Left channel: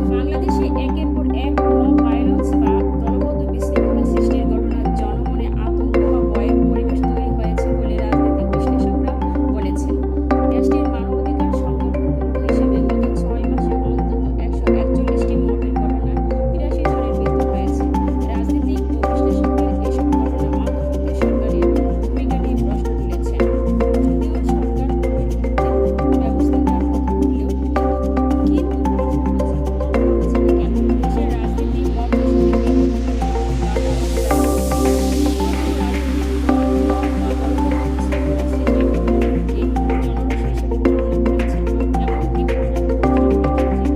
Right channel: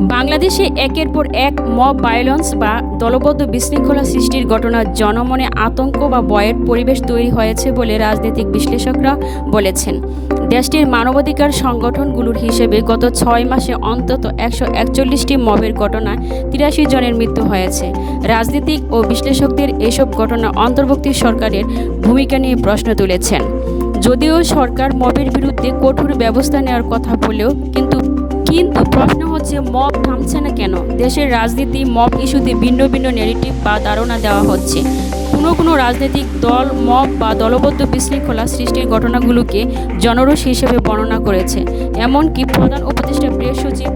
বাংলাদেশে একের পর এক মব ভায়োলেন্স বা দলবদ্ধ বিশৃঙ্খলা সৃষ্টির ঘটনা জনমনে আতঙ্ক বা ভয়ের পরিবেশ তৈরি হয়েছে বলে রাজনৈতিক বিশ্লেষকরা বলেছেন। দেশটির মানবাধিকার সংগঠনগুলোর হিসেবে গত ছয় মাসে অন্তত একশো একচল্লিশটি মবের ঘটনায় তিরাশি জনের মৃত্যু হয়েছে। রাজনীতিক ও বিশ্লেষকদের এসব ঘটনা অন্তর্বর্তী সরকারের ভূমিকা নিয়ে প্রশ্ন তুলেছেন। যদিও সরকার মবের বিরুদ্ধে কঠোর ব্যবস্থা নেওয়ার কথা বলেও কিন্তু প্রশ্ন হচ্ছে, মব থামছে না কেন? দেশের রাজনীতি, মব ইস্যুতে ভিন্ন ভিন্ন নেগেটিভ বা ধারণা দেওয়া হচ্ছে। কোনো রাজনৈতিক দল মব বা দলবদ্ধ বিশৃঙ্খলা সৃষ্টির ঘটনাগুলোকে জনরস হিসেবে বর্ণনা করেছে। এমনকি প্রধান উপদেষ্টা প্রেস সচিব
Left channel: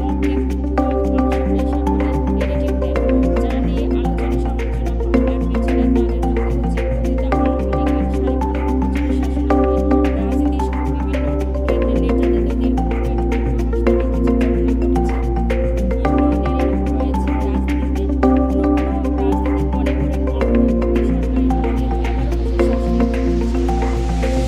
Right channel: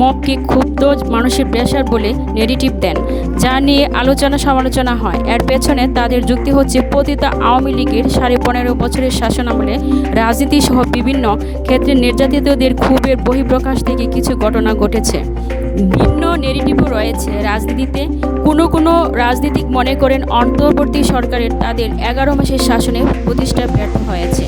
মবকে ক্ষুব্ধ মানুষের প্রেশার বলে নেগেটিভ দেন, যা নিয়ে আলোচনা সমালোচনা হয়। এর পেছনে তাদের যুক্তি হচ্ছে, পতিত আওয়ামী লীগের সাড়ে পনেরো বছরের শাসনামলে রাজনীতি সহ বিভিন্ন ক্ষেত্রে নির্যাতিতদের ক্ষোভের বহিঃপ্রকাশ থেকে কিছু ঘটনা ঘটেছে। ভিন্ন নেগেটিভও রয়েছে রাজনীতিতে কোনো কোনো রাজনীতিক মনে করেন অন্তর্বর্তী সরকারের তাদের এগারো মাসের শাসনে প্রতিষ্ঠা ব্যর্থ হয়েছে।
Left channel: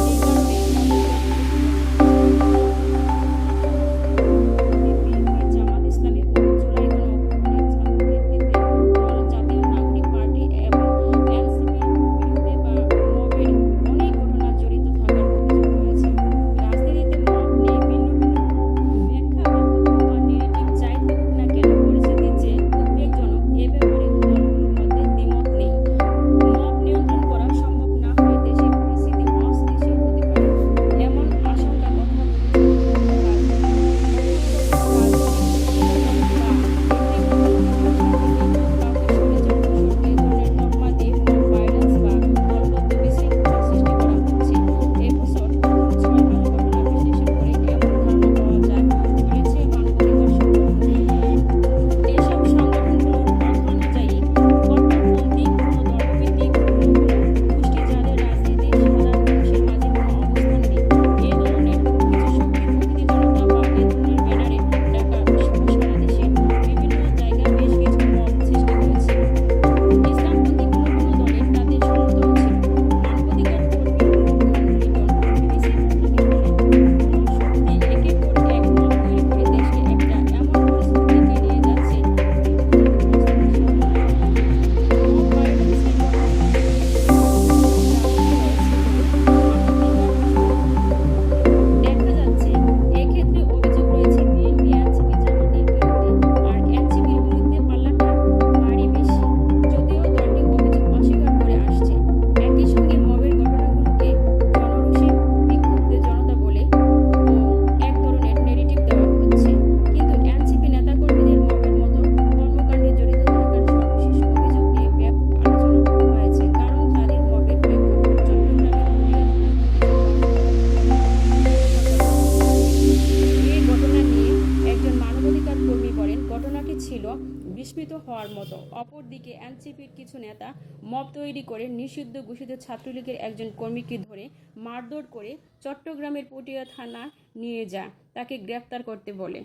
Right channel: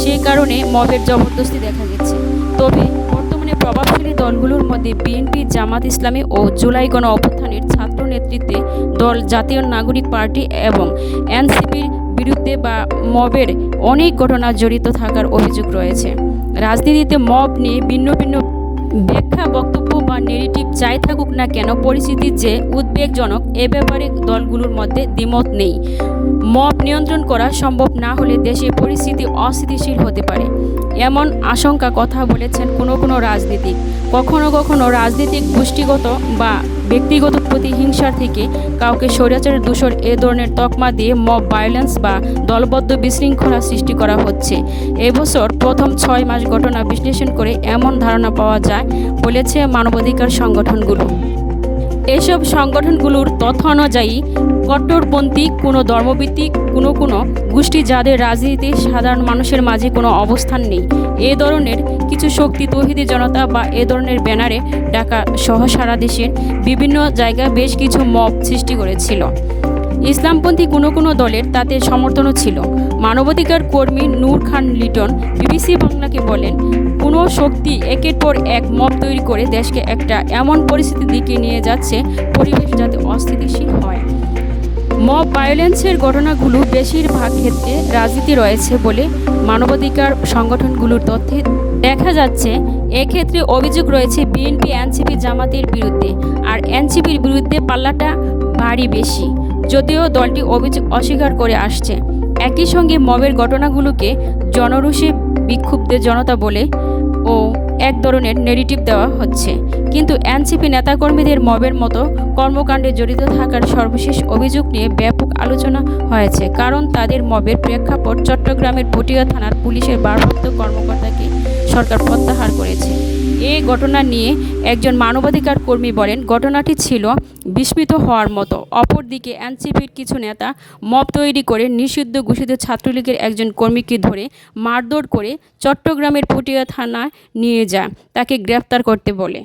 সেই কারণে মবের জবরদস্তি দেখা দিচ্ছে। তবে বর্তমানে প্রভাবশালী দলগুলোর মধ্যে বিএনপি, জামাত ইসলামী ও জুলাই গণ অভ্যুত্থানের ছাত্র নেতৃত্বে দল, জাতীয় নাগরিক পার্টি এবং এনসিপির বিরুদ্ধে বা মবের অনেক ঘটনা জড়িত থাকার অভিযোগ রয়েছে। রাজনীতিতে মব নিয়ে ভিন্ন ভিন্ন ব্যাখ্যা বক্তব্য নেগেটিভ যাই থাকুক না কেন, পরিস্থিতি যে উদ্বেগজনক, এ ব্যাপারে দলগুলোর মধ্যে দ্বিমত নেই। মব নিয়ন্ত্রণ করা সম্ভব না হলে দেশের পরিস্থিতি অস্থিতিশীল হতে পারে, এমন আশঙ্কা কথা বলেছেন কোনো কোনো রাজনীতিক। কখনো কখনো রাজনৈতিক গোষ্ঠীগত বা ব্যক্তিগত প্রতিহিংসার থেকে কাউকে স্বৈরাচারের দূষণ, এ ধরনের তকমা দিয়ে মব ভায়োলেন্স বা দলবদ্ধ বিশৃঙ্খলা সৃষ্টি করা হচ্ছে। এবছর প্রথম ছয় মাস ঘটনা বিশ্লেষণ করে এমন ধারণা পাওয়া যায় বলেছে মানবাধিকার সংগঠনগুলো। এসব সংগঠনগুলোর তথ্য অনুযায়ী, কট্টরপন্থী কোনো ধর্মভিত্তিক, কোনো কোনো গোষ্ঠী যাদের রাজনীতি সাধারণ মানুষের মাঝে কোনো অবস্থান নেই, এ ধরনের কিছু শক্তি তৌহিদি জনতা বা এ ধরনের ব্যানারে ঢাকা সহ সারা দেশের বিভিন্ন জায়গায় বেশ কিছু মব সৃষ্টি করেছিল। ইসলামপন্থী কোনো কোনো দলের তাতে সমর্থনও ছিল। মানবাধিকার কর্মী নূর খান লিটন বিবিসি বাংলাকে বলেন শক্তি একের পর এক মব তৈরি করে দেশকে একটা এমন পরিস্থিতির দিকে নিয়ে যাচ্ছে পরিবেশ যাতে অস্থিতিশীল হয়। মব ভায়োলেন্সের ঘটনাগুলো বেশিরভাগ ক্ষেত্রে রাজনীতি রয়েছে বলে মানবাধিকার সংগঠনগুলোর তথ্যে দেখা যাচ্ছে। এক্ষেত্রে অভিযোগ রয়েছে, বিএনপি, এনসিপি জামাতের বিরুদ্ধে আর এনসিপির বিরুদ্ধে পাল্লাটা ভারী বেশি। যদিও দলটি অভিযোগ অস্বীকার করে আসছে। একই সঙ্গে মবের ঘটনাগুলোকে জনরোষে বিক্ষুব্ধ জনতা বলে এক ধরনের নেগেটিভ দেওয়া হচ্ছে। কিন্তু এনসিপি নেতাকর্মীদের মবের মতো কর্মকাণ্ডে জড়িত থাকার সর্বশেষ অভিযোগ নিয়ে ব্যাপক আলোচনা হয়েছে। কারণ তাদের মবের প্রেক্ষাপট চট্টগ্রামের পটিয়া থানার পুলিশের ভারপ্রাপ্ত কর্মকর্তাকে সরকার প্রত্যাহার ঘটনা নিয়ে একজন মানবাধিকার কর্মী বলেন, ঘটনাটি ছিল বিস্মিত হওয়ার মতো। অপরদিকে এনসিপির কিছু নেতা মব তৈরি করে নিষিদ্ধ ঘোষিত ছাত্রলীগের একজন কর্মীকে ধরে মারধর করে চট্টগ্রামের পটিয়া থানায় নিয়ে যায়। তাকে গ্রেপ্তার করতে বলে।